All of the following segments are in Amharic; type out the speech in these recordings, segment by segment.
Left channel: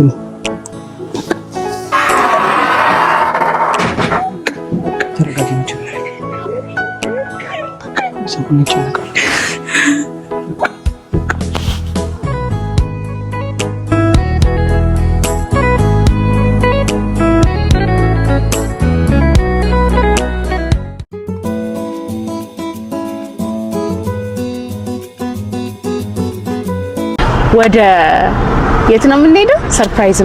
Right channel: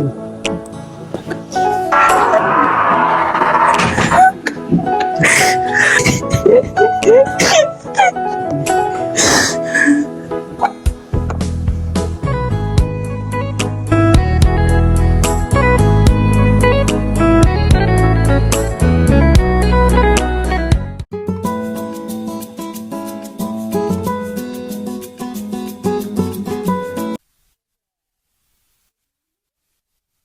እንደዚህ ወደ የት ነው የምንሄደው? ሰርፕራይዝ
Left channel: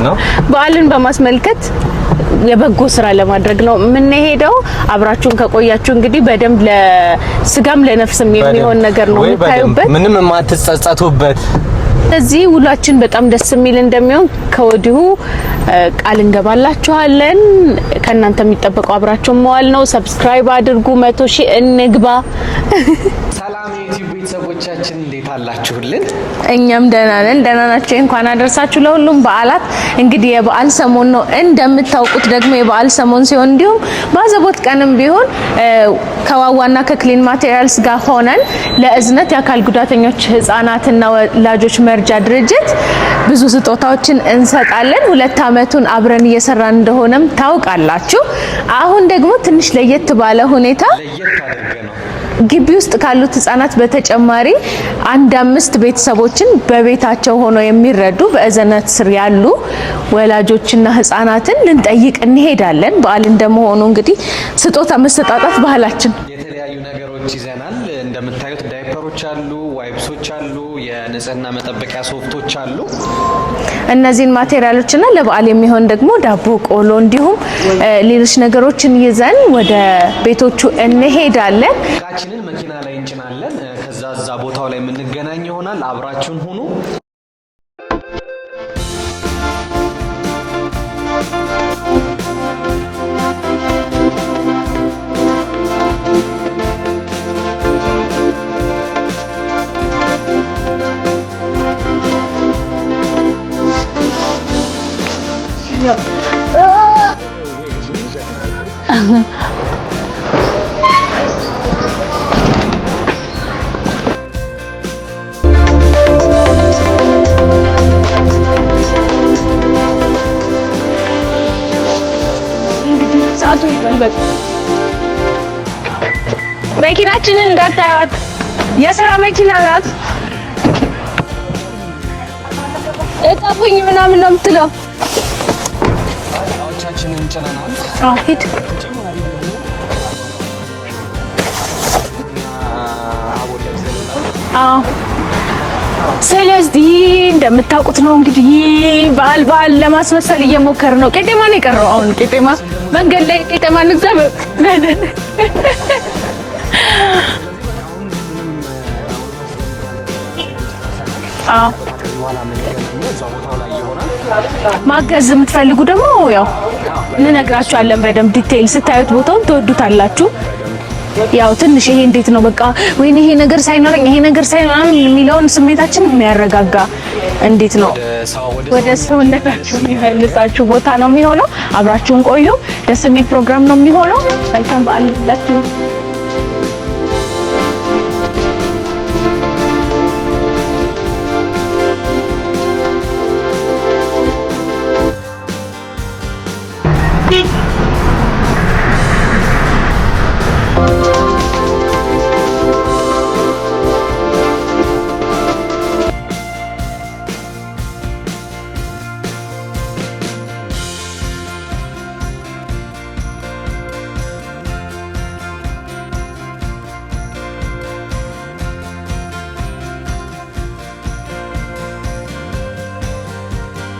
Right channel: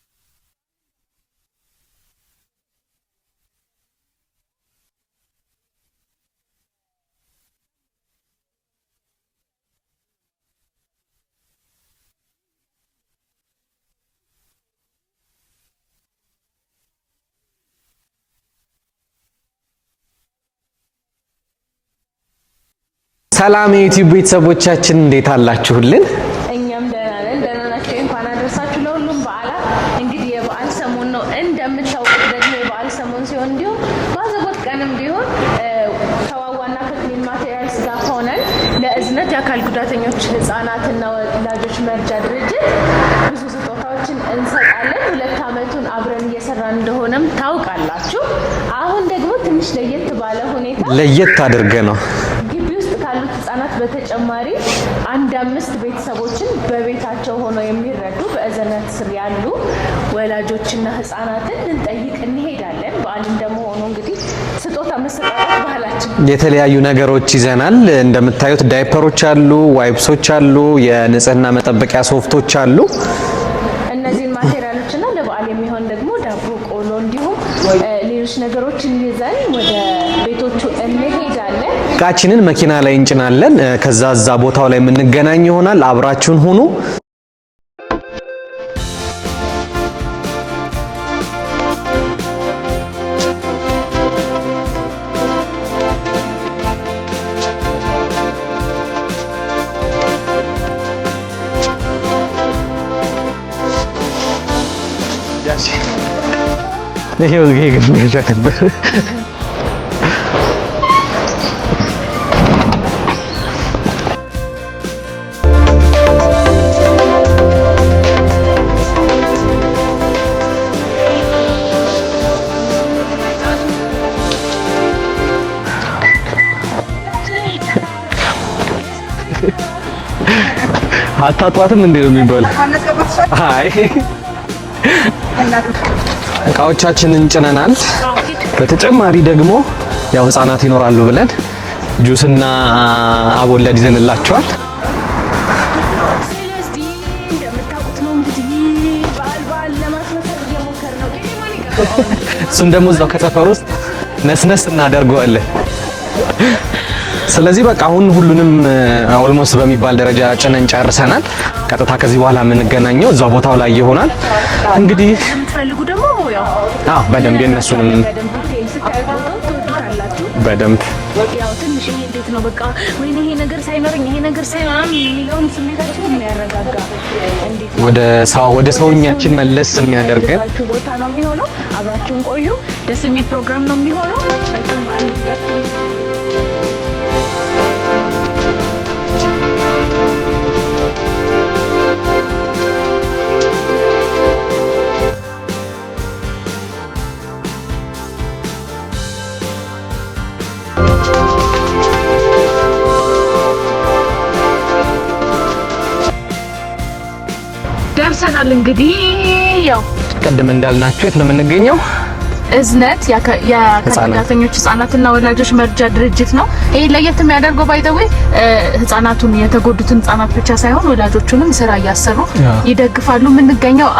ነው። በዓልን በማስመልከት የበጎ ስራ ለማድረግ ነው የምንሄደው። አብራችሁን ከቆያችሁ እንግዲህ በደንብ ለስጋም ለነፍስም የሚሆን ነገር ነው የምታዩበት፣ ምንም የማትጸጸቱበት። እዚህ ውሏችን በጣም ደስ የሚል እንደሚሆን ከወዲሁ ቃል እንገባላችኋለን። ከእናንተ የሚጠበቀው አብራችሁን መዋል ነው። ሰብስክራይብ አድርጉ፣ 100,000 እንግባ። ሰላም የዩቲዩብ ቤተሰቦቻችን እንዴት አላችሁልን? እኛም ደህና ነን። ደህና ናችሁ? እንኳን አደረሳችሁ ለሁሉም በዓላት። እንግዲህ የበዓል ሰሞን ነው እንደምታውቁት። ደግሞ የበዓል ሰሞን ሲሆን እንዲሁም ባዘቦት ቀንም ቢሆን ከዋዋና ከክሊን ማቴሪያልስ ጋር ሆነን ለእዝነት የአካል ጉዳተኞች ህፃናትና ወላጆች መርጃ ድርጅት ብዙ ስጦታዎችን እንሰጣለን። 2 አመቱን አብረን እየሰራን እንደሆነም ታውቃላችሁ። አሁን ደግሞ ትንሽ ለየት ባለ ሁኔታ ለየት አድርገ ነው ግቢ ውስጥ ካሉት ህፃናት በተጨማሪ 5 ቤተሰቦችን በቤታቸው ሆነው የሚረዱ በእዝነት ስር ያሉ ወላጆችና ህፃናትን ልንጠይቅ እንሄዳለን። በዓል እንደመሆኑ እንግዲህ ስጦታ መሰጣጣት ባህላችን። የተለያዩ ነገሮች ይዘናል። እንደምታዩት ዳይፐሮች አሉ፣ ዋይፕሶች አሉ፣ የንጽህና መጠበቂያ ሶፍቶች አሉ። እነዚህን ማቴሪያሎችና ለበዓል የሚሆን ደግሞ ዳቦ፣ ቆሎ እንዲሁም ሌሎች ነገሮችን ይዘን ወደ ቤቶቹ እንሄዳለን። እቃችንን መኪና ላይ እንጭናለን። ከዛ እዛ ቦታው ላይ የምንገናኝ ይሆናል። አብራችሁን ሁኑ። ይሄ ግን ይጃከበት መኪናችንን እንዳታዩት፣ የሥራ መኪና ናት። አታጧትም እንዴ ነው የሚባለው? አይ ምናምን ነው የምትለው። እቃዎቻችንን ጭነናል። በተጨማሪ ደግሞ ያው ህፃናት ይኖራሉ ብለን ጁስና አቦለድ ይዘንላቸዋል። ስለዚህ እንደምታውቁት ነው እንግዲህ በዓል ለማስመሰል እየሞከር ነው። ቄጤማ ነው የቀረው። አሁን ቄጤማ መንገድ ላይ ቄጤማ ነስነስ እናደርገዋለን። ስለዚህ በቃ አሁን ሁሉንም ኦልሞስት በሚባል ደረጃ ጭነን ጨርሰናል። ቀጥታ ከዚህ በኋላ የምንገናኘው እዛው ቦታው ላይ ይሆናል። እንግዲህ ማከዝ የምትፈልጉ ደግሞ ያው እንነግራችኋለን። በደንብ ዲቴይል ስታዩት ቦታውን ትወዱታላችሁ። በደንብ ያው ትንሽ ይሄ እንዴት ነው በቃ ወይኔ ይሄ ነገር ሳይኖረኝ ይሄ ነገር ሳይኖረኝ የሚለውን ስሜታችን የሚያረጋጋ እንዴት ነው ወደ ሰውኛችን መለስ የሚያደርጋችሁ ቦታ ነው የሚሆነው። አብራችሁን ቆዩ። ደስ የሚል ፕሮግራም ነው የሚሆነው። መልካም በዓል ይሁንላችሁ። ደርሰናል። እንግዲህ ያው ቀደም እንዳልናችሁ የት ነው የምንገኘው? እዝነት የአካል ጉዳተኞች ህፃናትና ወላጆች መርጃ ድርጅት ነው። ይሄ ለየት የሚያደርገው ባይተው ህፃናቱን የተጎዱትን ህፃናት ብቻ ሳይሆን ወላጆቹንም ስራ እያሰሩ ይደግፋሉ። የምንገኘው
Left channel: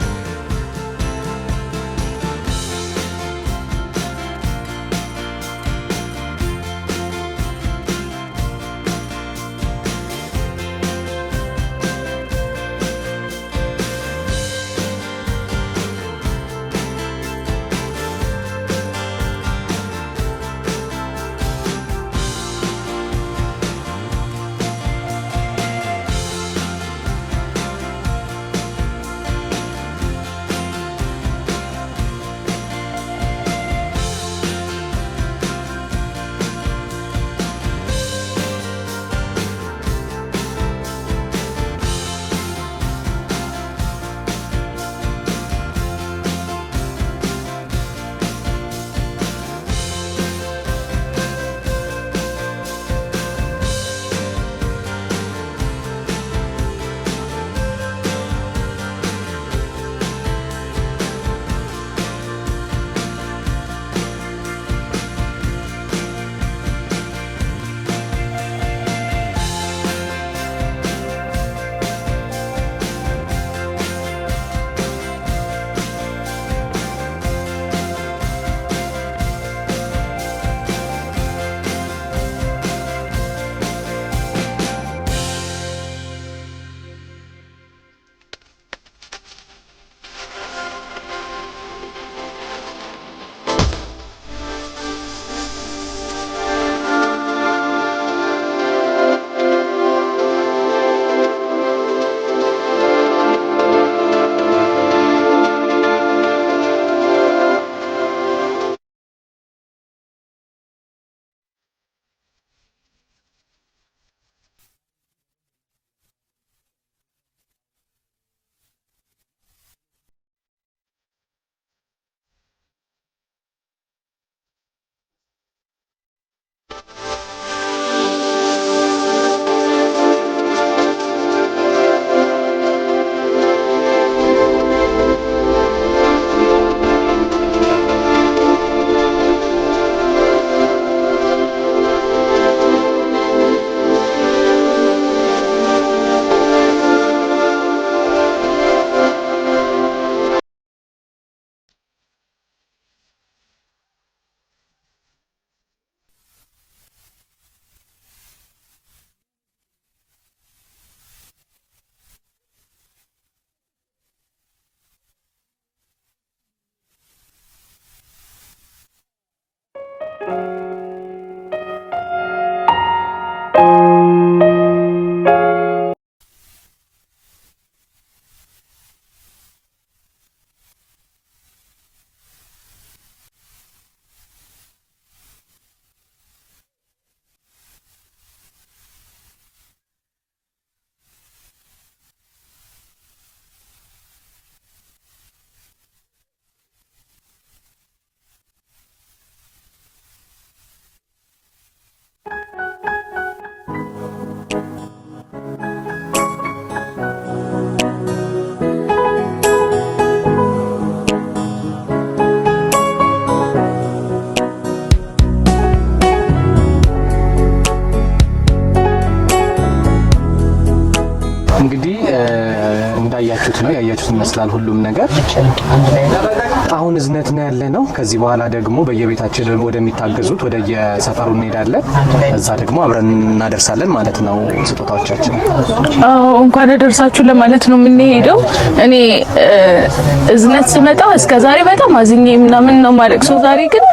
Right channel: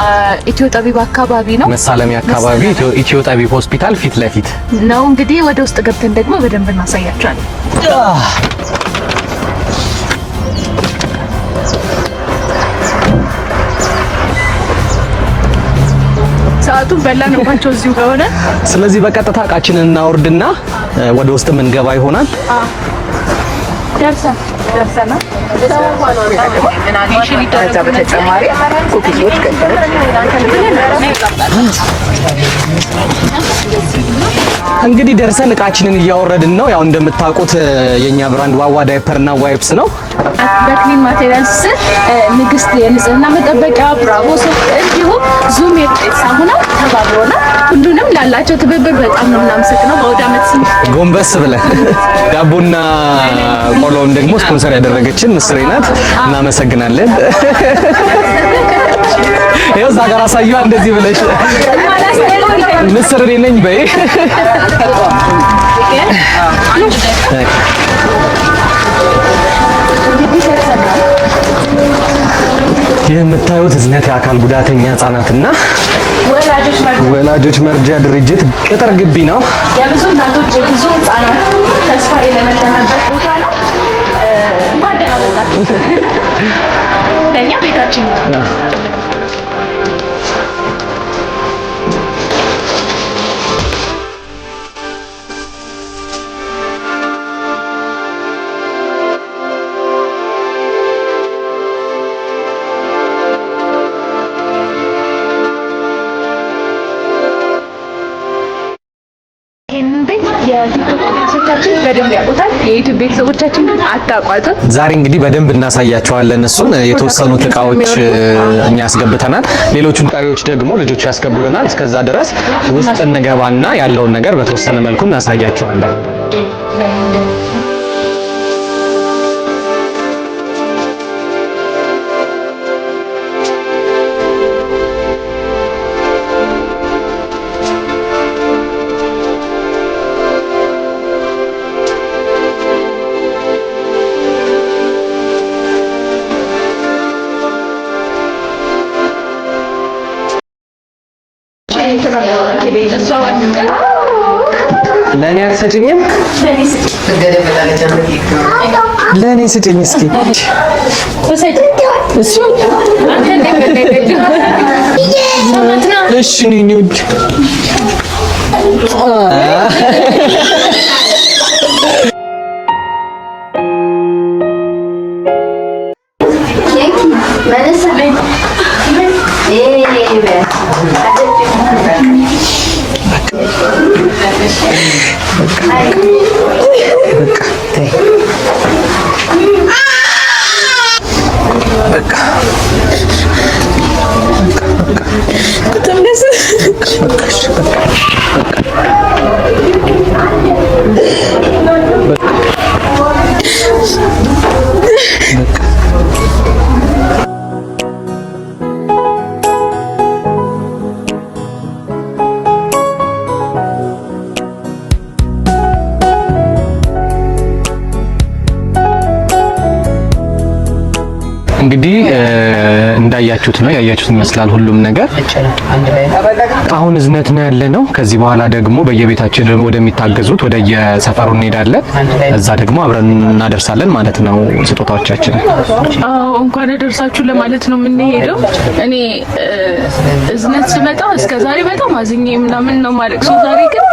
ኢትዮ ጠቢብ አካባቢ ነው። መሳለሚያ አካባቢ ኢትዮ ጠቢብ ሆስፒታል ፊት ለፊት ነው። እንግዲህ ወደ ውስጥ ገብተን ደግሞ በደንብ እናሳያቸዋለን። ሰዓቱን በላንባቸው እዚሁ ከሆነ ስለዚህ በቀጥታ እቃችንን እናወርድና ወደ ውስጥ የምንገባ ይሆናል። ደርሰን በተጨማሪ ኩኪሶች እንግዲህ ደርሰን እቃችንን እያወረድን ነው። ያው እንደምታውቁት የኛ ብራንድ ዋዋ ዳይፐር እና ዋይፕስ ነው። በክሊን ማቴሪያልስ ንግስት የንጽህና መጠበቂያ፣ ብራቮ ሶፍት እንዲሁም ዙም የጤፍ ሳሙና ተባብሮና ሁሉንም ላላቸው ትብብር በጣም ነው የምናመሰግነው። በወደ ዓመት ጎንበስ ብለን ዳቦና ቆሎውን ደግሞ ስፖንሰር ያደረገችን ምስሬ ናት። እናመሰግናለን። ይኸው እዛ ጋር አሳየዋ እንደዚህ ብለሽ ምስር እኔ ነኝ በይ። የምታዩት እዝነት የአካል ጉዳተኛ ህጻናትና ወላጆች መርጃ ድርጅት ቅጥር ግቢ ነው። የብዙ እናቶች የብዙ ህጻናት ተስፋ የለመለመበት ቦታ ነው። ለእኛ ቤታችን ነው። የዩቲዩብ ቤተሰቦቻችን አታቋጡት። ዛሬ እንግዲህ በደንብ እናሳያቸዋለን። እሱን የተወሰኑት እቃዎች እኛ ያስገብተናል፣ ሌሎቹን እቃዎች ደግሞ ልጆቹ ያስገቡልናል። እስከዛ ድረስ ውስጥ እንገባና ያለውን ነገር በተወሰነ መልኩ እናሳያቸዋለን። ለኔ አትሰጪኝም? ለኔ ስጪኝ እስኪ። እሺ ኒኒውድ እንግዲህ እንዳያችሁት ነው ያያችሁት ይመስላል ሁሉም ነገር። አሁን እዝነት ነው ያለ ነው። ከዚህ በኋላ ደግሞ በየቤታችን ወደሚታገዙት ወደ የሰፈሩ እንሄዳለን። እዛ ደግሞ አብረን እናደርሳለን ማለት ነው ስጦታዎቻችን። እንኳን አደረሳችሁ ለማለት ነው የምንሄደው። እኔ እዝነት ስመጣ እስከዛሬ በጣም አዝኜ ምናምን ነው ማለት ሰው ዛሬ ግን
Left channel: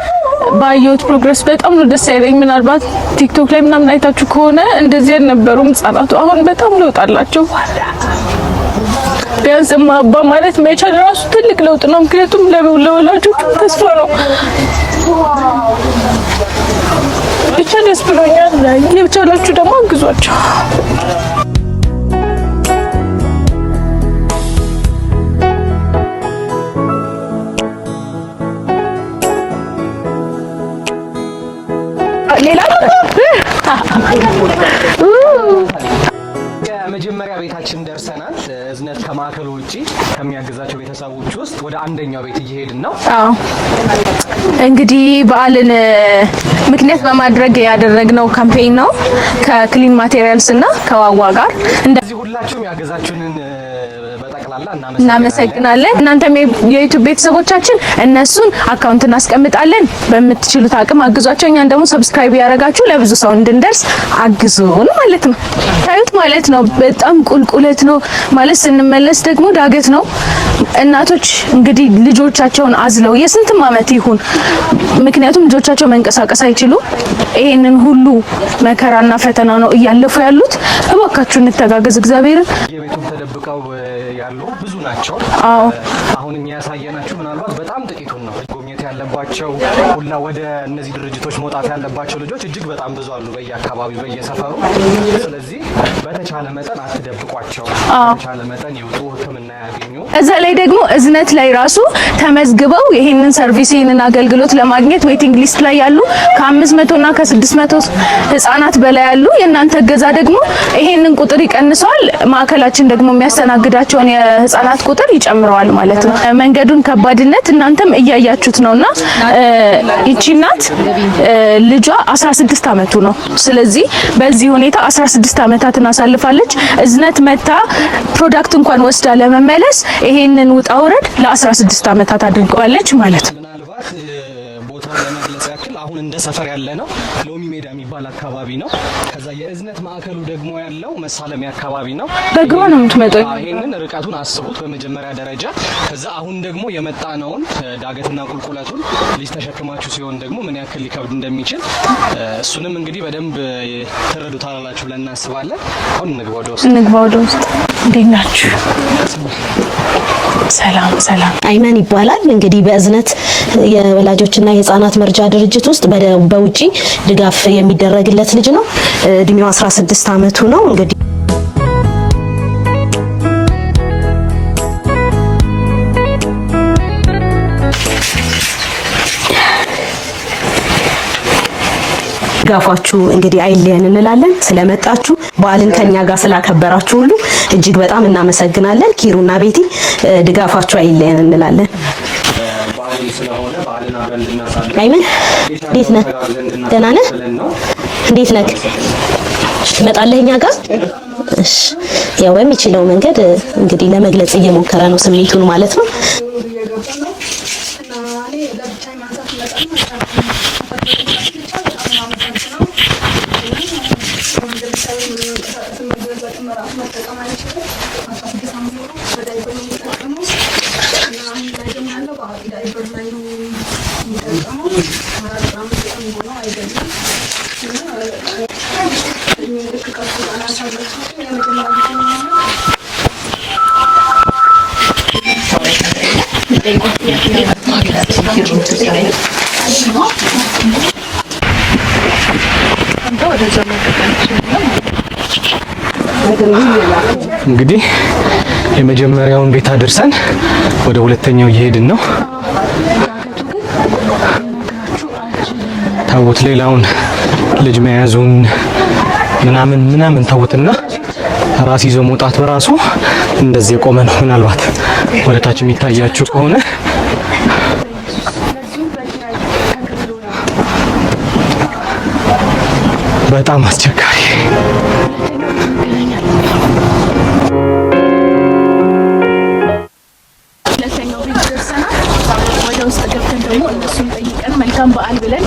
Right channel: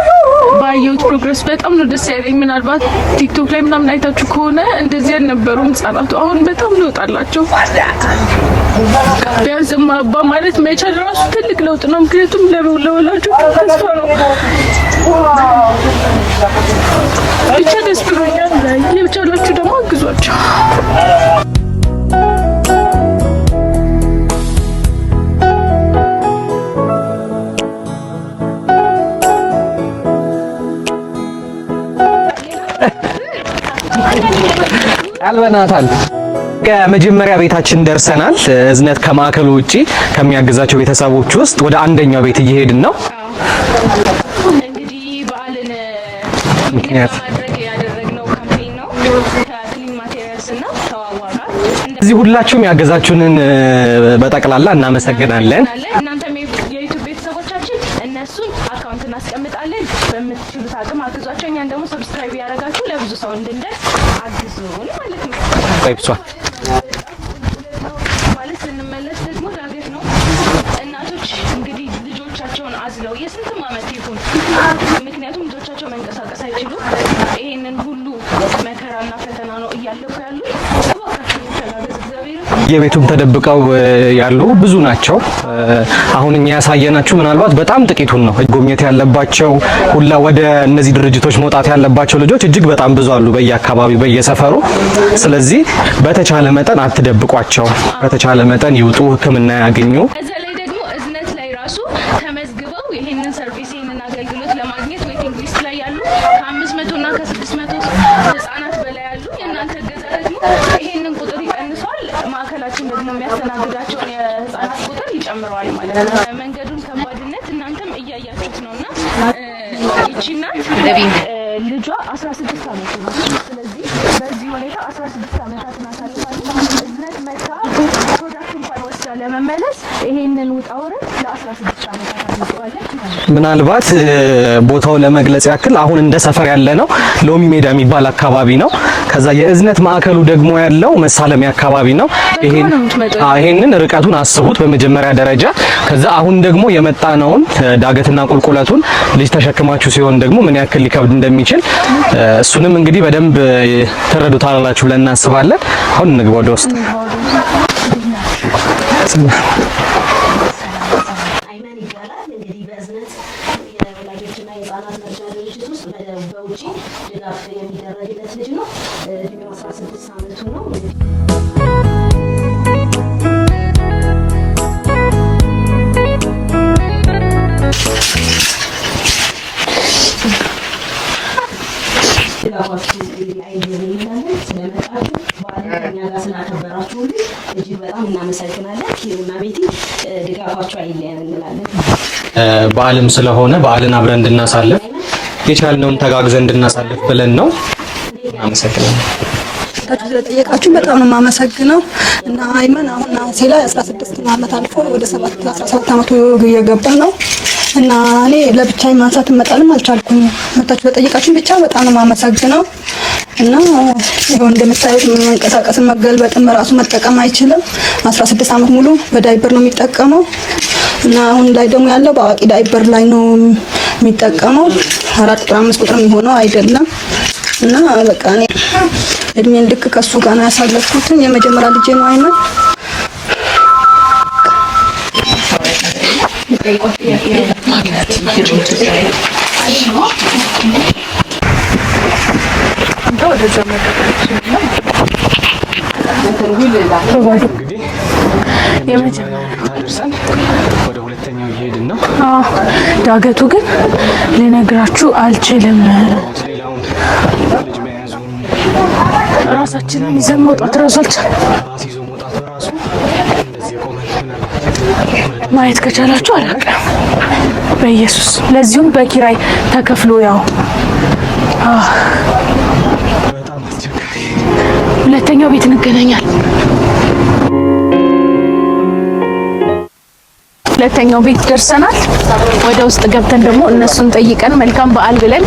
ባየሁት ፕሮግረስ በጣም ነው ደስ ያለኝ። ምናልባት ቲክቶክ ላይ ምናምን አይታችሁ ከሆነ እንደዚህ አልነበሩም ህጻናቱ። አሁን በጣም ለውጥ አላቸው። ቢያንስ አባ ማለት መቻል ራሱ ትልቅ ለውጥ ነው። ምክንያቱም ለወላጆቹ ተስፋ ነው። ብቻ ደስ ብሎኛል። የቻላችሁ ደግሞ አግዟቸው። አልበናታል። ከመጀመሪያ ቤታችን ደርሰናል። እዝነት ከማዕከሉ ውጪ ከሚያግዛቸው ቤተሰቦች ውስጥ ወደ አንደኛው ቤት እየሄድን ነው። አዎ እንግዲህ በዓልን ምክንያት በማድረግ ያደረግነው ካምፔይን ነው ከክሊን ማቴሪያልስ እና ከዋዋ ጋር። እንደዚህ ሁላችሁም ያገዛችሁንን በጠቅላላ እናመሰግናለን። እናንተም የዩቲዩብ ቤተሰቦቻችን እነሱን አካውንት እናስቀምጣለን። በምትችሉት አቅም አግዟቸው። እኛን ደግሞ ሰብስክራይብ ያደረጋችሁ ለብዙ ሰው እንድንደርስ አግዙን ማለት ነው ማለት ነው። ነው። በጣም ቁልቁለት ነው ማለት ስንመለስ ደግሞ ዳገት ነው። እናቶች እንግዲህ ልጆቻቸውን አዝለው የስንትም ዓመት ይሁን ምክንያቱም ልጆቻቸው መንቀሳቀስ አይችሉም። ይሄንን ሁሉ መከራና ፈተና ነው እያለፉ ያሉት። እባካችሁ እንተጋገዝ እግዚአብሔርን። የቤቱም ተደብቀው ያሉ ብዙ ናቸው። አሁን እኛ ያሳየናችሁ ምናልባት በጣም ጥቂቱን ነው። ጎብኘት ያለባቸው ሁላ ወደ እነዚህ ድርጅቶች መውጣት ያለባቸው ልጆች እጅግ በጣም ብዙ አሉ በየአካባቢው በየሰፈሩ። ስለዚህ በተቻለ መጠን አትደብቋቸው። በተቻለ መጠን ይውጡ፣ ሕክምና ያገኙ። እዛ ላይ ደግሞ እዝነት ላይ ራሱ ተመዝግበው ይሄንን ሰርቪስ ይሄንን አገልግሎት ለማግኘት ዌቲንግ ሊስት ላይ ያሉ ከ500 እና ከ600 ህጻናት በላይ ያሉ። የእናንተ እገዛ ደግሞ ይሄንን ቁጥር ይቀንሰዋል። ማዕከላችን ደግሞ የሚያስተናግዳቸውን የህጻናት ቁጥር ይጨምረዋል ማለት ነው። መንገዱን ከባድነት እናንተም እያያችሁት ነውና ይቺ እናት ልጇ 16 አመቱ ነው። ስለዚህ በዚህ ሁኔታ 16 አመታትን አሳልፋለች። እዝነት መታ ፕሮዳክት እንኳን ወስዳ ለመመለስ ይሄንን ውጣ ወረድ ለ16 አመታት አድርገዋለች ማለት ነው። ምናልባት ቦታው ለመግለጽ ያክል አሁን እንደ ሰፈር ያለ ነው ሎሚ ሜዳ የሚባል አካባቢ ነው። ከዛ የእዝነት ማዕከሉ ደግሞ ያለው መሳለሚያ አካባቢ ነው። ይሄንን ርቀቱን አስቡት በመጀመሪያ ደረጃ። ከዛ አሁን ደግሞ የመጣነውን ዳገትና ቁልቁለቱን ልጅ ተሸክማችሁ ሲሆን ደግሞ ምን ያክል ሊከብድ እንደሚችል እሱንም እንግዲህ በደንብ ተረዱታላችሁ ብለን እናስባለን። አሁን እንግባ ወደ ውስጥ። እንዴት ናችሁ? ሰላም አይመን ይባላል። እንግዲህ በእዝነት የወላጆችና የህፃናት መርጃ ድርጅት ውስጥ በውጪ ድጋፍ የሚደረግለት ልጅ ነው። እድሜው 16 አመቱ ነው። እንግዲህ ድጋፋችሁ እንግዲህ አይለየን እንላለን። ስለመጣችሁ በዓልን ከኛ ጋር ስላከበራችሁ ሁሉ እጅግ በጣም እናመሰግናለን። ኪሩና ቤቲ ድጋፋችሁ አይለየን እንላለን። በዓልም ስለሆነ በዓልን አብረን እንድናሳልፍ የቻልነውን ተጋግዘን እንድናሳልፍ ብለን ነው። እንዴት ነህ? መጣለኛ ጋር በጣም ነው የማመሰግነው። ያው በሚችለው መንገድ እንግዲህ ለመግለጽ እየሞከረ ነው ስሜቱን ማለት ነው። እየገባ ነው እና እኔ ለብቻዬ ማንሳት መጣልም አልቻልኩም። መጣች በጠይቃችን ብቻ በጣም ነው የማመሰግነው። እና ይሁን እንደምታዩት መንቀሳቀስ መገልበጥም ራሱ መጠቀም አይችልም። 16 አመት ሙሉ በዳይፐር ነው የሚጠቀመው እና አሁን ላይ ደግሞ ያለው በአዋቂ ዳይፐር ላይ ነው የሚጠቀመው። 4 ቁጥር 5 ቁጥር የሚሆነው አይደለም እና በቃ እኔ እድሜን ልክ ከሱ ጋር ነው ያሳለፍኩት። የመጀመሪያ ልጄ ነው አይመን። እንግዲህ የመጀመሪያውን ቤት አድርሰን ወደ ሁለተኛው እየሄድን ነው። ዳገቱ ግን ልነግራችሁ አልችልም። ተውት፣ ሌላውን ልጅ መያዙን ምናምን ተውትና ራስ ይዞ መውጣት በራሱ እንደዚህ የቆመ ነው። ምናልባት ወደታች እየታያችሁ ከሆነ በኢየሱስ ለዚሁም በኪራይ ተከፍሎ ያው በጣም አስቸጋሪ። ሁለተኛው ቤት እንገናኛለን። ሁለተኛው ቤት ደርሰናል። ወደ ውስጥ ገብተን ደግሞ እነሱን ጠይቀን መልካም በዓል ብለን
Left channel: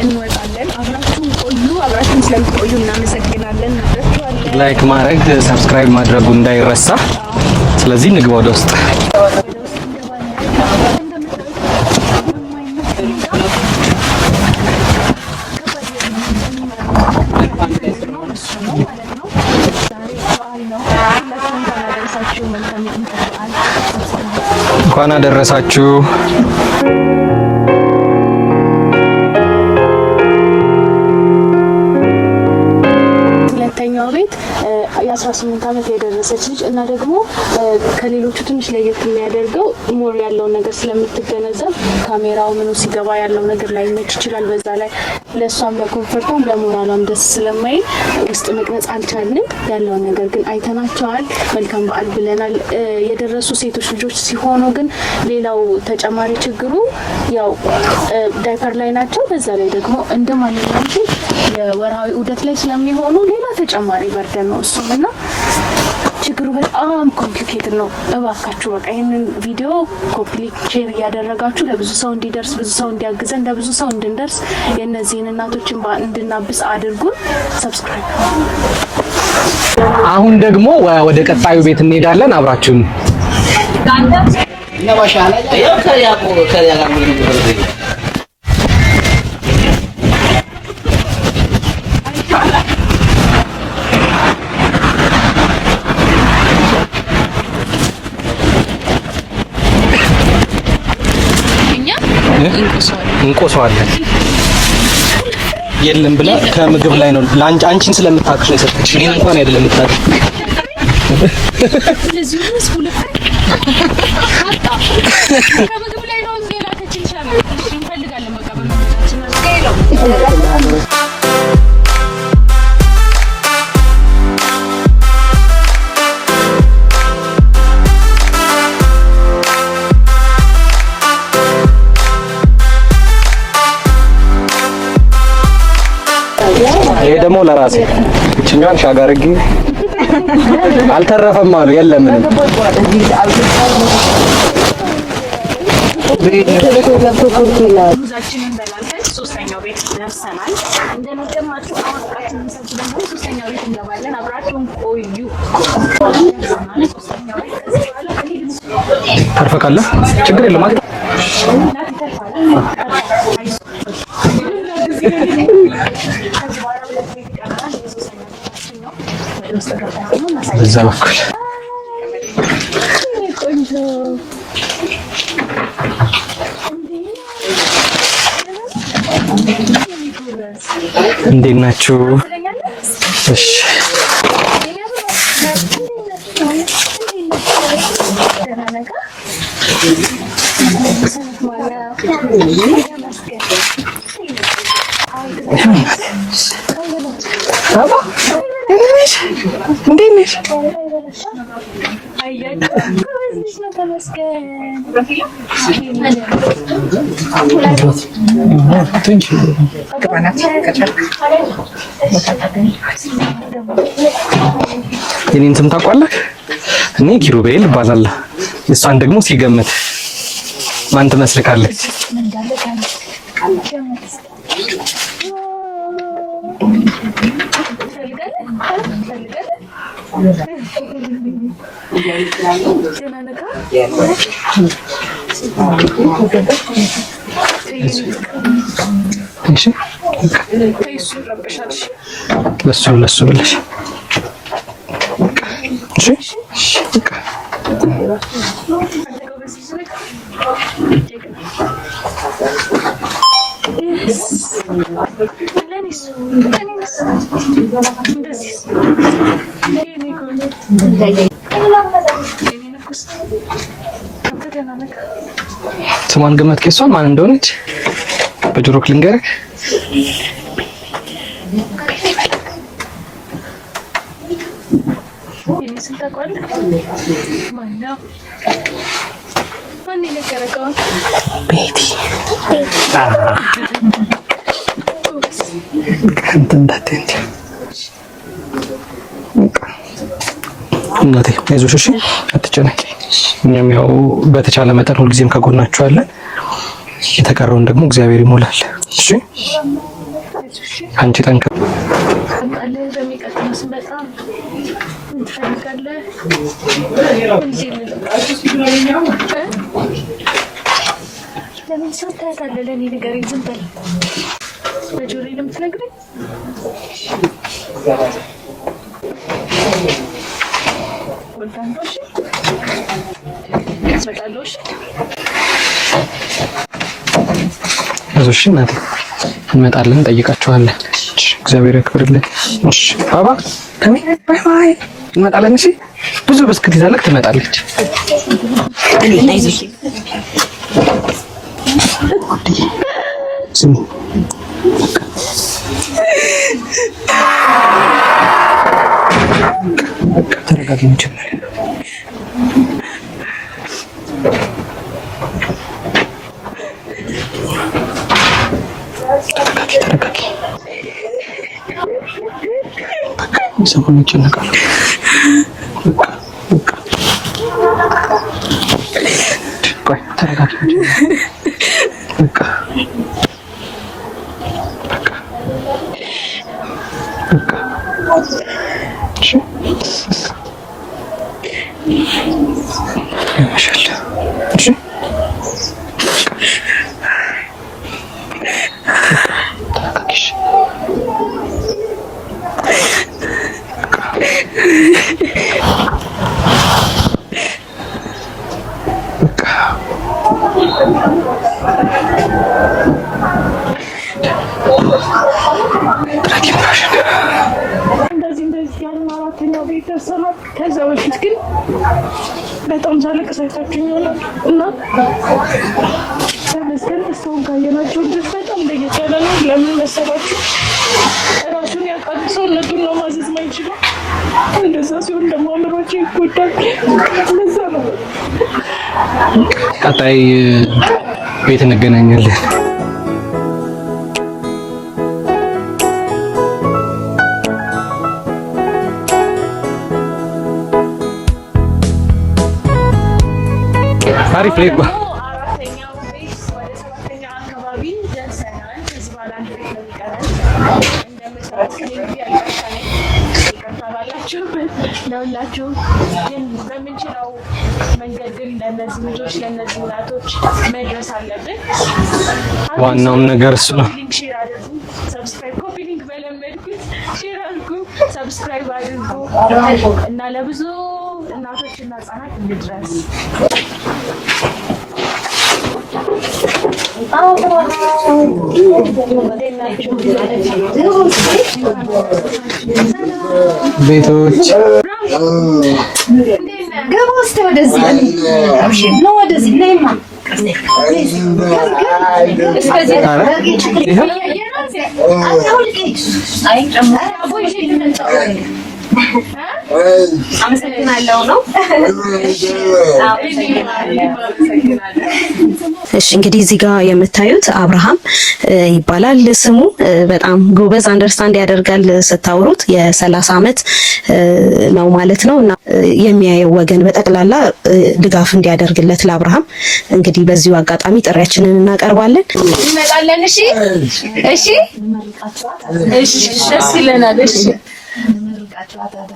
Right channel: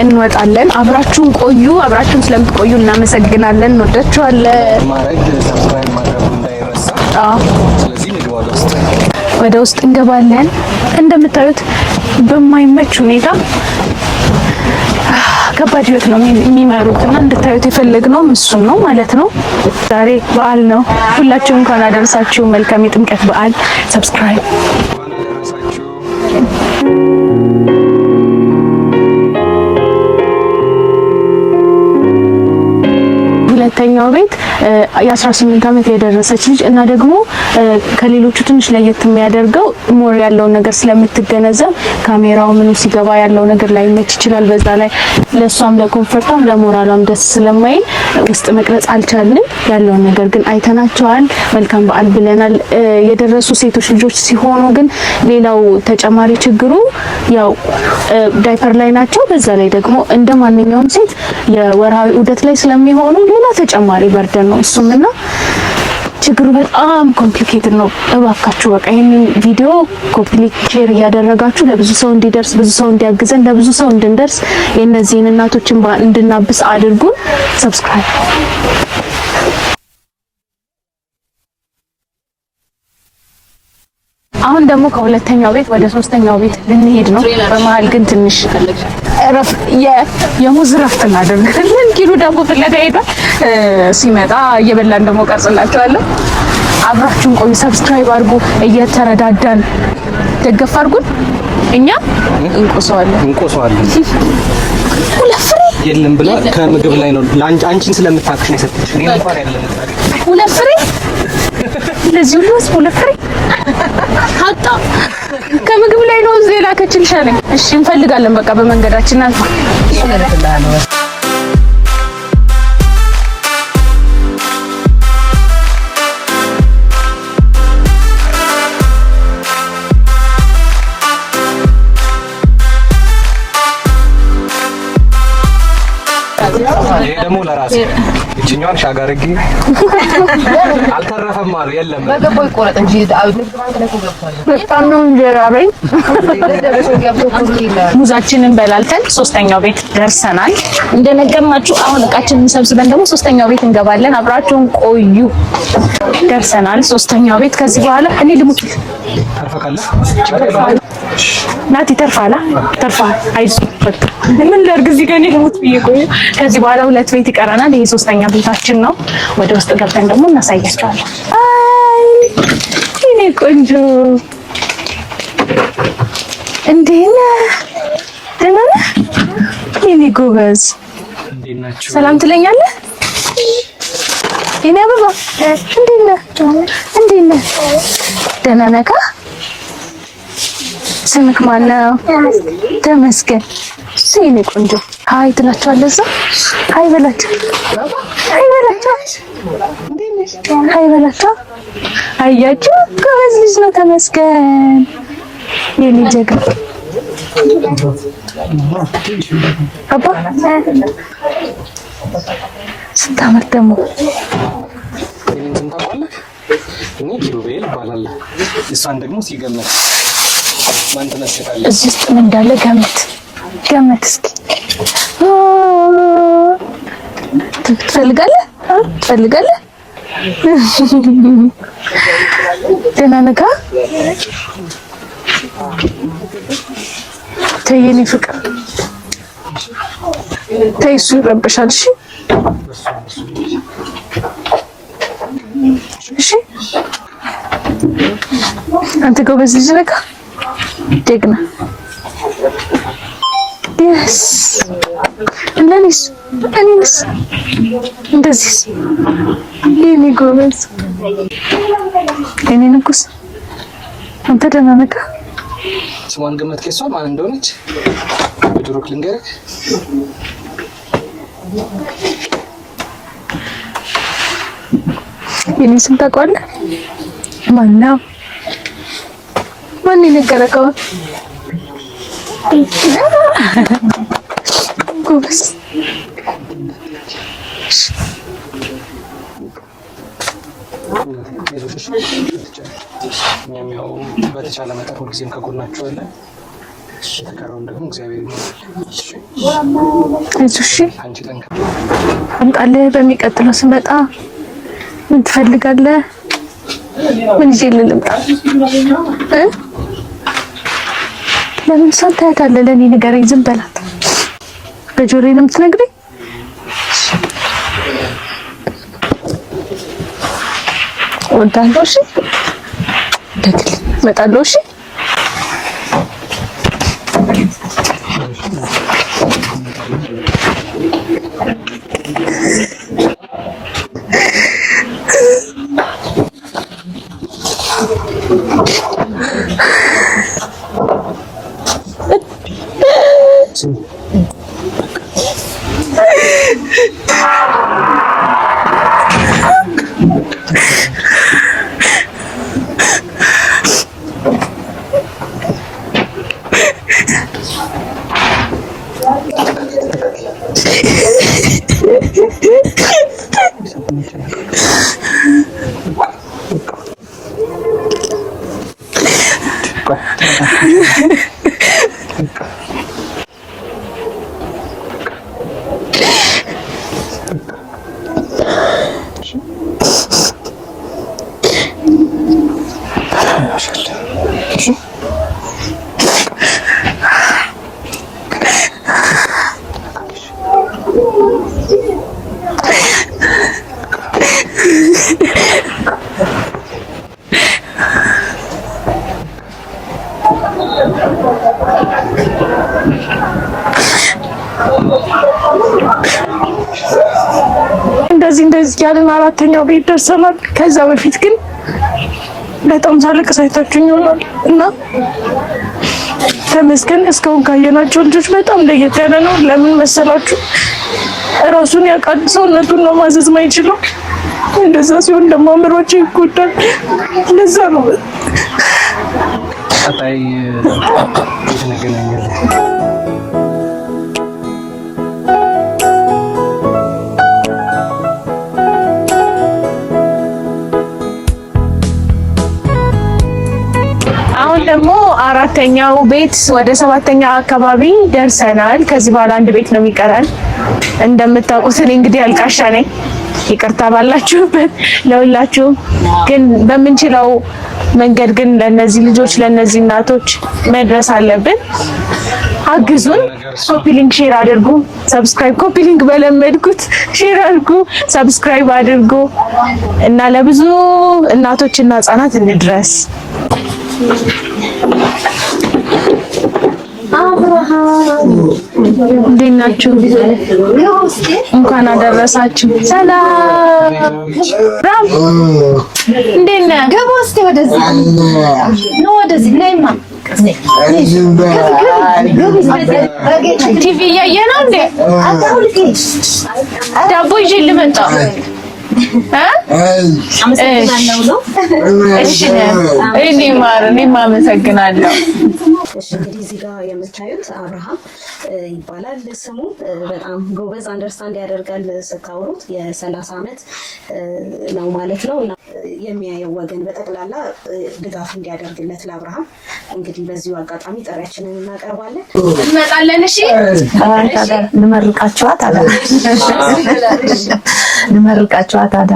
እንወጣለን። አብራችሁን ቆዩ። አብራችሁን ስለምትቆዩ እናመሰግናለን። እንወዳችኋለን። ላይክ ማድረግ፣ ሰብስክራይብ ማድረጉ እንዳይረሳ። ስለዚህ ንግባ ወደ ውስጥ እንገባለን። እንደምታዩት በማይመች ሁኔታ ከባድ ህይወት ነው የሚመሩት እና እንድታዩት የፈለግነው እሱን ነው ማለት ነው። ዛሬ በዓል ነው። ሁላችሁም እንኳን አደረሳችሁ። መልካም የጥምቀት በዓል። ሰብስክራይብ እንኳን አደረሳችሁ። ሁለተኛው ቤት የ18 አመት የደረሰች ልጅ እና ደግሞ ከሌሎቹ ትንሽ ለየት የሚያደርገው ሞር ያለውን ነገር ስለምትገነዘብ ካሜራው ምኑ ሲገባ ያለው ነገር ላይ መች ይችላል። በዛ ላይ ለሷም ለኮንፈርቷም ለሞራሏም ደስ ስለማይል ውስጥ መቅረጽ አልቻልንም። ያለውን ነገር ግን አይተናቸዋል። መልካም በዓል ብለናል። የደረሱ ሴቶች ልጆች ሲሆኑ ግን ሌላው ተጨማሪ ችግሩ ያው ዳይፐር ላይ ናቸው። በዛ ላይ ደግሞ እንደ ማንኛውም ሴት የወርሃዊ ዑደት ላይ ስለሚሆኑ ሌላ ተጨማሪ በርደን ነው እሱምና ችግሩ በጣም ኮምፕሊኬትድ ነው። እባካችሁ በቃ ይሄንን ቪዲዮ ኮፒ ሊንክ ሼር እያደረጋችሁ ለብዙ ሰው እንዲደርስ ብዙ ሰው እንዲያግዘን ለብዙ ሰው እንድንደርስ የእነዚህን እናቶችን እንድናብስ አድርጉን። ሰብስክራይብ አሁን ደግሞ ወደ ቀጣዩ ቤት እንሄዳለን። አብራችሁን አሁን ደግሞ ሁለተኛው ቤት ወደ ሶስተኛው ቤት እንሄድ ነው። በመሀል ግን ትንሽ የሙዝ ረፍት እናደርጋለን። ኪሉ ደግሞ ፍለጋ ሄዳ ሲመጣ እየበላን ደግሞ ቀርጽላችኋለሁ። አብራችሁን ቆዩ። ሰብስክራይብ አድርጉ። እየተረዳዳን ደገፍ አድርጉን። እኛ እንቆሰዋለን የለም ብላ ከምግብ ላይ ነው አንቺን ስለምታውቅሽ ነው የሰጠችሽ። እኔ እንኳን አይደለም የምታውቅሽ። ሁለት ፍሬ ለዚህ ሁለት ፍሬ አጣ ከምግብ ላይ ነው ዜና ከችልሽ አለኝ። እሺ እንፈልጋለን በቃ በመንገዳችን አልኩ። ይሄ ደግሞ ለራሴ እቺኛን ሻጋርጌ አልተረፈም አሉ የለም ሙዛችንን በላልተን ሶስተኛው ቤት ደርሰናል። እንደነገርናችሁ አሁን እቃችንን ሰብስበን ደግሞ ሶስተኛው ቤት እንገባለን። አብራችሁን ቆዩ። ደርሰናል ሶስተኛው ቤት። ከዚህ በኋላ እኔ ልሙት ተርፈካለ ችግር የለም ናቲ ተርፋላ አይዞህ በቃ ምን ላድርግ እዚህ ጋር ነው የምትቆዩ። ከዚህ በኋላ ሁለት ቤት ይቀረናል። ይሄ ሶስተኛ ቤታችን ነው። ወደ ውስጥ ገብተን ደግሞ እናሳያቸዋለን። አይ እኔ ቆንጆ እንዴት ነህ? ደህና ነህ? የኔ ጎበዝ እንዴት ናችሁ? ሰላም ትለኛለህ? እሺ የኔ አበባ እንዴት ነህ? ደህና ነህ? ስምክ ማነው? ተመስገን። ሲኔ ቆንጆ ሃይ ትላችኋለህ። ሃይ በላችሁ። ሃይ በላችሁ። እንዴት ነሽ? ሃይ በላችሁ። አያችሁ ጎበዝ ልጅ ነው። ተመስገን የኔ ጀግና። አባ ስታምር ደግሞ የኔን ስም ታውቃለህ? እኔ ኪሩቤል እባላለሁ። እሷን ደግሞ ሲገምት ማን ትመስልካለህ? እዚህ ውስጥ ምን እንዳለ ገምት እስኪ። ትፈልጋለህ? ደህና ነህ? ተይ የኔ ፍቅር እሺ ተይ፣ እሱ ይረብሻል። እሺ ለሱ ብለሽ እሺ። አንተ ጎበዝ ልጅ ነህ፣ ጀግና። የስ እኔንስ እንደዚህ የኔ ጎበዝ የኔ ንጉስ። አንተ ደህና ነህ? ስሟን ገመትክ? እሷን ማን እንደሆነች በጆሮክ ልንገርህ? የኔ ስም ታውቀዋለህ? ማነው? ማን የነገረከው? ቤቲ ጎበዝ። እናቴ አይዞሽ፣ እሺ አትጨነቂ። እኛም ያው በተቻለ መጠን ሁልጊዜም ከጎናችሁ አለን። የተቀረውን ደግሞ እግዚአብሔር ይሞላል። እሺ አይዞሽ። አንቺ ጠንከር። አምጣልህ። በሚቀጥለው ስመጣ ምን ትፈልጋለህ? ምን ይዤ ልምጣ? ለምን ሰው ታያታለህ? ለእኔ ንገረኝ። ዝም በላት። በጆሮዬ ነው የምትነግረኝ? እወዳለሁ። እሺ ደግልኝ። እመጣለሁ። እሺ አይዞሽ እናቴ፣ እንመጣለን፣ እንጠይቃችኋለን። እግዚአብሔር ያክብርልኝ። እሺ ባባ ትመጣለች። እሺ ብዙ ብስክት ይዛለች፣ ትመጣለች። ሰውን ይጨነቃል። እንደዚህ ያለን አራተኛው ቤት ደርሰናል። ከዛ በፊት ግን በጣም ሳለቅስ አይታችሁኝ ይሆናል እና ተመስገን እስካሁን ካየናቸው ልጆች በጣም ለየት ያለ ነው። ለምን መሰላችሁ? ራሱን ያውቃል፣ ሰውነቱን ነው ማዘዝ ማይችለው። እንደዛ ሲሆን ደግሞ አእምሮአችን ይጎዳል። ለዛ ነው ቀጣይ ቤት እንገናኛለን። አሁን ደግሞ አራተኛው ቤት ወደ ሰባተኛ አካባቢ ደርሰናል። ከዚህ በኋላ አንድ ቤት ነው የሚቀረን። እንደምታውቁት እኔ እንግዲህ አልቃሻ ነኝ። ይቅርታ ባላችሁበት ለሁላችሁ። ግን በምንችለው መንገድ ግን ለነዚህ ልጆች ለነዚህ እናቶች መድረስ አለብን። አግዙን። ኮፒ ሊንክ ሼር አድርጉ። ሰብስክራይብ ኮፒ ሊንክ በለመድኩት ሼር አድርጉ፣ ሰብስክራይብ አድርጉ እና ለብዙ እናቶችና ህጻናት እንድረስ። እንዴት ናችሁ? እንኳን አደረሳችሁ። ሰላም ቤቶች እንዴት ነህ? ገባ እስኪ ወደዚህ ነው፣ ወደዚህ ነይማ። ቲቪ እያየህ ነው እንዴ? ዳቦ ይዤ ልመጣ እኔም አመሰግናለሁ። እሺ እንግዲህ እዚህ ጋር የምታዩት አብርሃም ይባላል ስሙ። በጣም ጎበዝ አንደርስታንድ ያደርጋል ስታወሩት። የ30 ዓመት ነው ማለት ነው እና የሚያየው ወገን በጠቅላላ ድጋፍ እንዲያደርግለት ለአብርሃም እንግዲህ በዚሁ አጋጣሚ ጥሪያችንን እናቀርባለን። እንመጣለን። እሺ እሺ፣ ልመርቃችኋት አላ ልመርቃችኋት አዳ።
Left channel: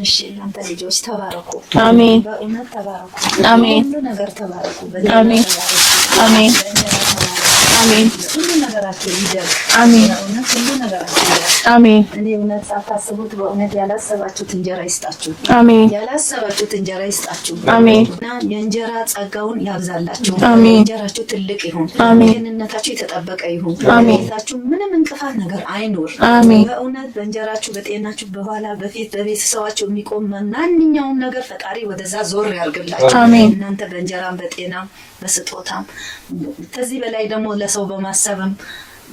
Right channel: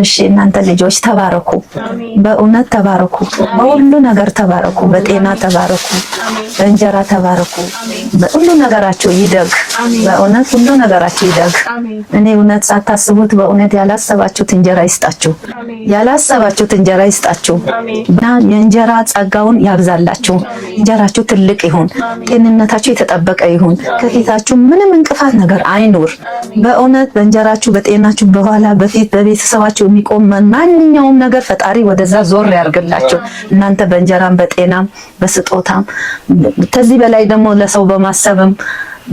እሺ እናንተ ልጆች ተባረኩ። አሜን። በእውነት ተባረኩ። በሁሉ ነገር ተባረኩ። በጤና ተባረኩ። አሜን። በእንጀራ ተባረኩ። አሜን። በሁሉ ነገራችሁ ይደግ። አሜን። በእውነት ሁሉ ነገራችሁ ይደግ። አሜን። እኔ እውነት ሳታስቡት በእውነት ያላሰባችሁት እንጀራ ይስጣችሁ። አሜን። ያላሰባችሁት እንጀራ ይስጣችሁ። አሜን። እና የእንጀራ ጸጋውን ያብዛላችሁ። አሜን። እንጀራችሁ ትልቅ ይሁን። ጤንነታችሁ የተጠበቀ ይሁን። ከፊታችሁ ምንም እንቅፋት ነገር አይኖር። አሜን። በእውነት በእንጀራችሁ በጤናችሁ በኋላ በፊት በቤተሰባችሁ የሚቆም ማንኛውም ነገር ፈጣሪ ወደዛ ዞር ያርግላችሁ። እናንተ በእንጀራም በጤናም በስጦታም ከዚህ በላይ ደግሞ ለሰው በማሰብም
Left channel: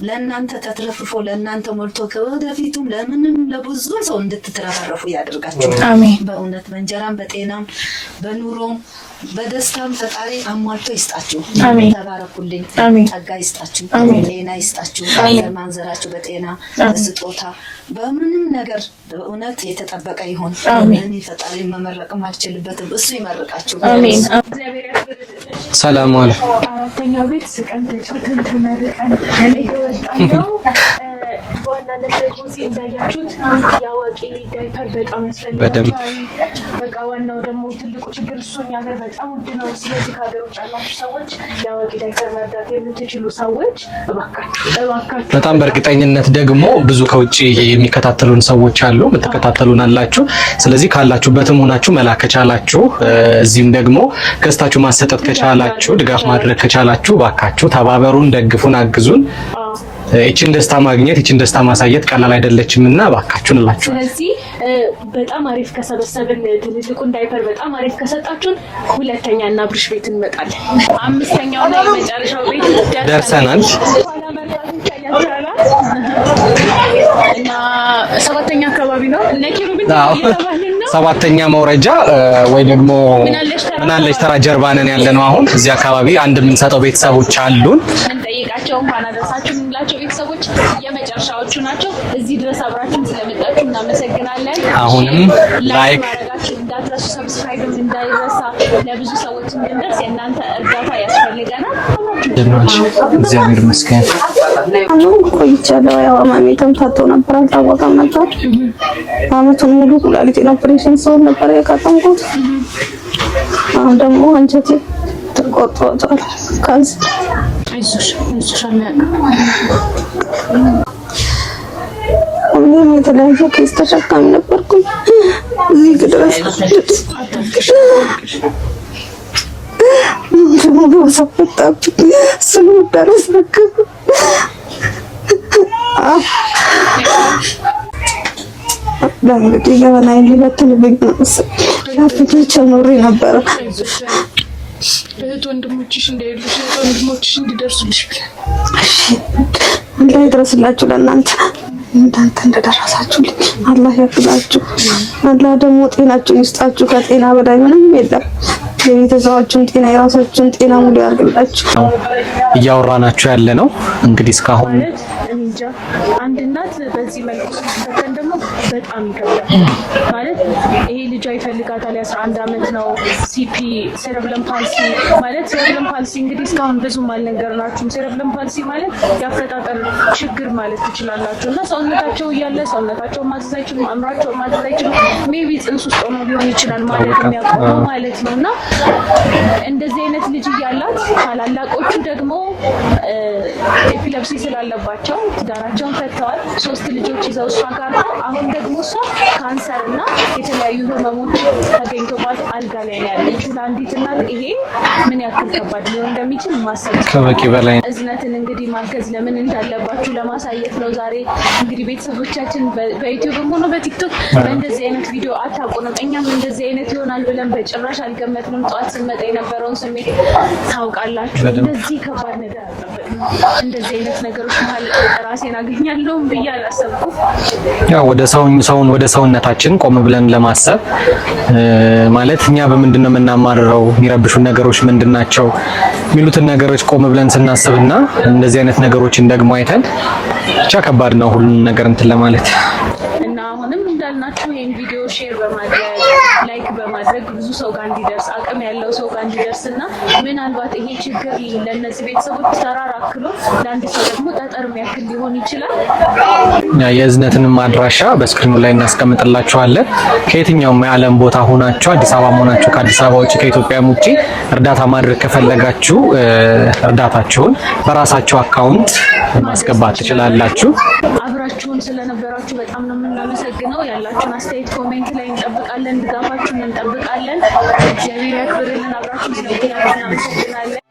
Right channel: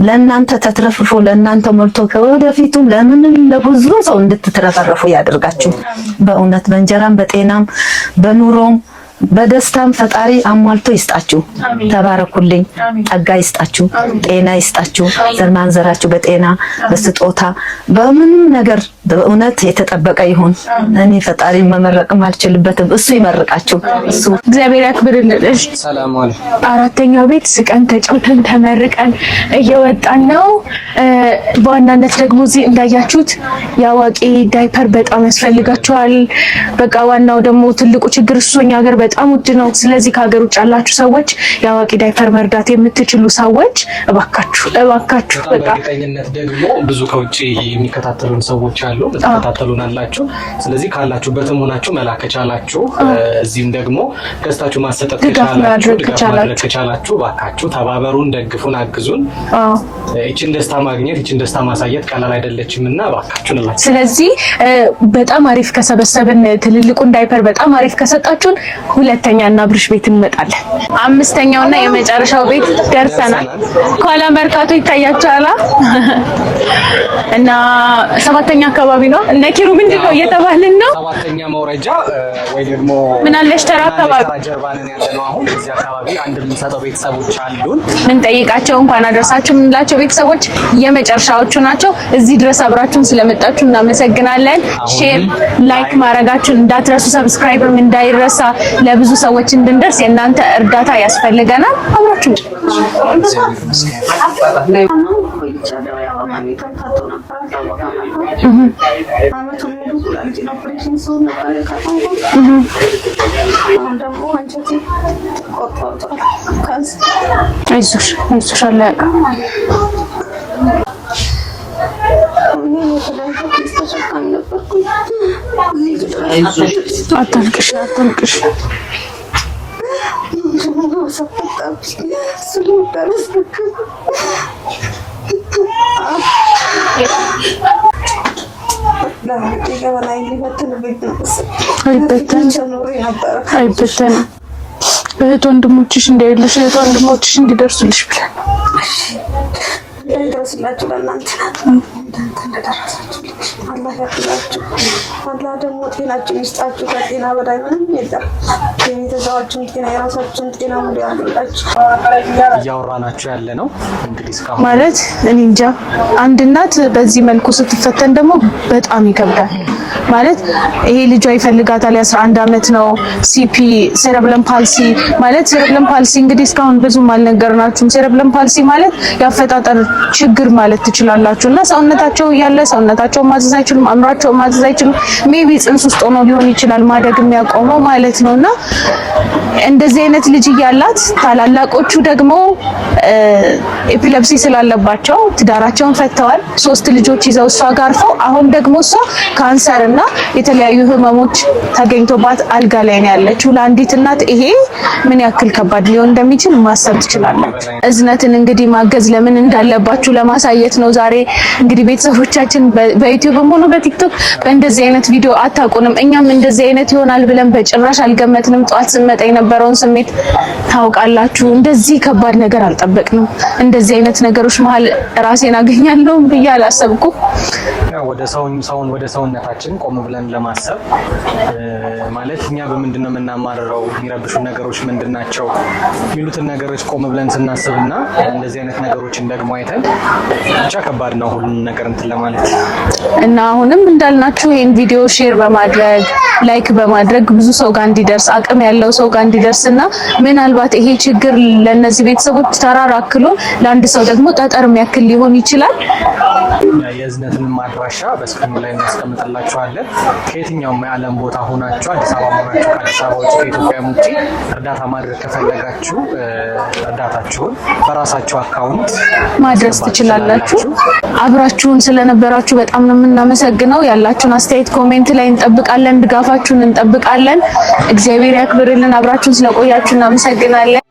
ለእናንተ ተትረፍርፎ ለእናንተ ሞልቶ ከወደፊቱም ለምንም ለብዙ ሰው እንድትትረፈረፉ ያደርጋችሁ። በእውነት በእንጀራም በጤናም በኑሮም በደስታም ፈጣሪ አሟልቶ ይስጣችሁ። ተባረኩልኝ። ጸጋ ይስጣችሁ፣ ጤና ይስጣችሁ። ዘር ማንዘራችሁ በጤና በስጦታ በምንም ነገር በእውነት የተጠበቀ ይሁን። እኔ ፈጣሪ መመረቅም አልችልበትም፣ እሱ ይመርቃችሁ። እግዚአብሔር ያክብርልሽ። ሰላም ዋል። አራተኛው ቤት ስቀን ተጫውተን ተመርቀን እየወጣን ነው። በዋናነት ደግሞ እዚህ እንዳያችሁት የአዋቂ ዳይፐር በጣም ያስፈልጋቸዋል። በቃ ዋናው ደግሞ ትልቁ ችግር እሱ እኛ ሀገር በጣም ውድ ነው። ስለዚህ ከሀገር ውጭ ያላችሁ ሰዎች የአዋቂ ዳይፐር መርዳት የምትችሉ ሰዎች እባካችሁ በጣም በእርግጠኝነት ደግሞ ብዙ ከውጭ የሚከታተሉን ሰዎች አሉ፣ የምትከታተሉን አላችሁ። ስለዚህ ካላችሁበትም ሆናችሁ መላክ ከቻላችሁ፣ እዚህም ደግሞ ገዝታችሁ ማሰጠት ከቻላችሁ፣ ድጋፍ ማድረግ ከቻላችሁ እባካችሁ ተባበሩን፣ ደግፉን፣ አግዙን። ይችን ደስታ ማግኘት ይችን ደስታ ማሳየት ቀላል አይደለችምና እባካችሁን እላችሁ። ስለዚህ በጣም አሪፍ ከሰበሰብን ትልልቁን ዳይፐር በጣም አሪፍ ከሰጣችሁን ሁለተኛ እና ብርሽ ቤት እንመጣለን። አምስተኛውና የመጨረሻው ቤት ደርሰናል። ከኋላ መርካቶ ይታያችኋል እና ሰባተኛ አካባቢ ነው። እነ ኪሩ ምንድነው እየተባልን ነው? ሰባተኛ መውረጃ ወይ ደግሞ ምናለሽ ተራ ጀርባ ነን ያለነው። አሁን እዚህ አካባቢ አንድ የምንሰጠው ቤተሰቦች አሉን። ምን ጠይቃቸው እንኳን አደረሳችሁ የምንላቸው ቤተሰቦች የመጨረሻዎቹ ናቸው። እዚህ ድረስ አብራችሁን ስለመጣችሁ እናመሰግናለን። ሼር ላይክ ማድረጋችሁን እንዳትረሱ፣ ሰብስክራይብም እንዳይረሳ። ለብዙ ሰዎች እንድንደርስ የእናንተ እርዳታ ያስፈልገናል። አብራችሁ እግዚአብሔር ይመስገን። ቆይቻለሁ። ያው ማሚ ተምታቶ ነበር፣ አልታወቀም ነበር። አመቱን ሙሉ ኩላሊቴን ኦፕሬሽን ሰው ነበር ያካተምኩት። አሁን ደግሞ አንቺ ተቆጥቷል። አይዞሽ አለ የተለያየ ኬስ ተሸካሚ ነበርኩኝ። እዚህ ድረስ አታልቅሽ። ሰፈጣብኝ ስለወዳረስ ነበር ለምን ለምን ሊበትንብኝ ነው አይበታቸው ኖሬ ነበር። አይበተንም። እህት ወንድሞችሽ እንዳይሉሽ እህት ወንድሞችሽ እንዲደርሱልሽ ብለን አላህ ይድረስላችሁ። ለእናንተ እንዳንተ እንደደረሳችሁልኝ አላህ ያፍላችሁ። አላህ ደግሞ ጤናችሁን ይስጣችሁ። ከጤና በላይ ምንም የለም። የቤተሰባችሁን ጤና የራሳችሁን ጤና ሙሉ ያርግላችሁ። እያወራናችሁ ያለ ነው እንግዲህ እስካሁን ማለት እኔ እንጃ አንድ እናት በዚህ መልኩ ስትፈተን ደግሞ በጣም ይከብዳል። ማለት ይሄ ልጇ ይፈልጋታል። የ11 ዓመት ነው። ሲፒ ሴረብለም ፓልሲ ማለት ሴረብለም ፓልሲ እንግዲህ እስካሁን ብዙም አልነገርናችሁም። ሴረብለም ፓልሲ ማለት ያፈጣጠር ችግር ማለት ትችላላችሁ እና ሰውነታቸው ያለ ሰውነታቸው ማዘዝ አይችልም፣ አእምሯቸው ማዘዝ አይችልም። ሜቢ ጽንስ ውስጥ ሆኖ ሊሆን ይችላል ማደግ የሚያቆመው ማለት ነውና እንደዚህ አይነት ልጅ ያላት ታላላቆቹ ደግሞ ኤፒሌፕሲ ስላለባቸው ትዳራቸውን ፈተዋል። 3 ልጆች ይዘው እሷ ጋር አርፈው አሁን ደግሞ እሷ ካንሰር እና የተለያዩ ህመሞች ተገኝቶባት አልጋ ላይ ነው ያለችው። ለአንዲት እናት ይሄ ምን ያክል ከባድ ሊሆን እንደሚችል ማሰብ ትችላላችሁ። እዝነትን እንግዲህ ማገዝ ለምን እንዳለባችሁ ለማሳየት ነው። ዛሬ እንግዲህ ቤተሰቦቻችን በዩቲዩብም ሆነ በቲክቶክ በእንደዚህ አይነት ቪዲዮ አታውቁንም። እኛም እንደዚህ አይነት ይሆናል ብለን በጭራሽ አልገመትንም። ጧት ስንመጣ የነበረውን ስሜት ታውቃላችሁ። እንደዚህ ከባድ ነገር አልጠበቅንም። እንደዚህ አይነት ነገሮች መሀል ራሴን አገኛለሁ ብዬ አላሰብኩም። ያው ሰውን ወደ ሰውነታችን ቆም ብለን ለማሰብ ማለት እኛ በምንድነው የምናማርረው፣ የሚረብሹን ነገሮች ምንድናቸው የሚሉትን ነገሮች ቆም ብለን ስናስብና እንደዚህ አይነት ነገሮችን ደግሞ አይተን ብቻ ከባድ ነው ሁሉም ነገር እንትን ለማለት እና አሁንም እንዳልናችሁ ይሄን ቪዲዮ ሼር በማድረግ ላይክ በማድረግ ብዙ ሰው ጋር እንዲደርስ አቅም ያለው ሰው ጋር እንዲደርስና ምናልባት ይሄ ችግር ለነዚህ ቤተሰቦች ተራራክሎ ለአንድ ሰው ደግሞ ጠጠር የሚያክል ሊሆን ይችላል። የእዝነትንም አድራሻ በስክሪኑ ላይ እናስቀምጥላችኋለን። ከየትኛውም የዓለም ቦታ ሆናችሁ አዲስ አበባ ሆናችሁ ከአዲስ አበባ ውጪ ከኢትዮጵያም ውጪ እርዳታ ማድረግ ከፈለጋችሁ እርዳታችሁን በራሳችሁ አካውንት ማድረስ ትችላላችሁ። አብራችሁን ስለነበራችሁ በጣም ነው የምናመሰግነው። ያላችሁን አስተያየት ኮሜንት ላይ እንጠብቃለን። ድጋፋችሁን እንጠብቃለን። እግዚአብሔር ያክብርልን። አብራችሁን ስለቆያችሁ እናመሰግናለን።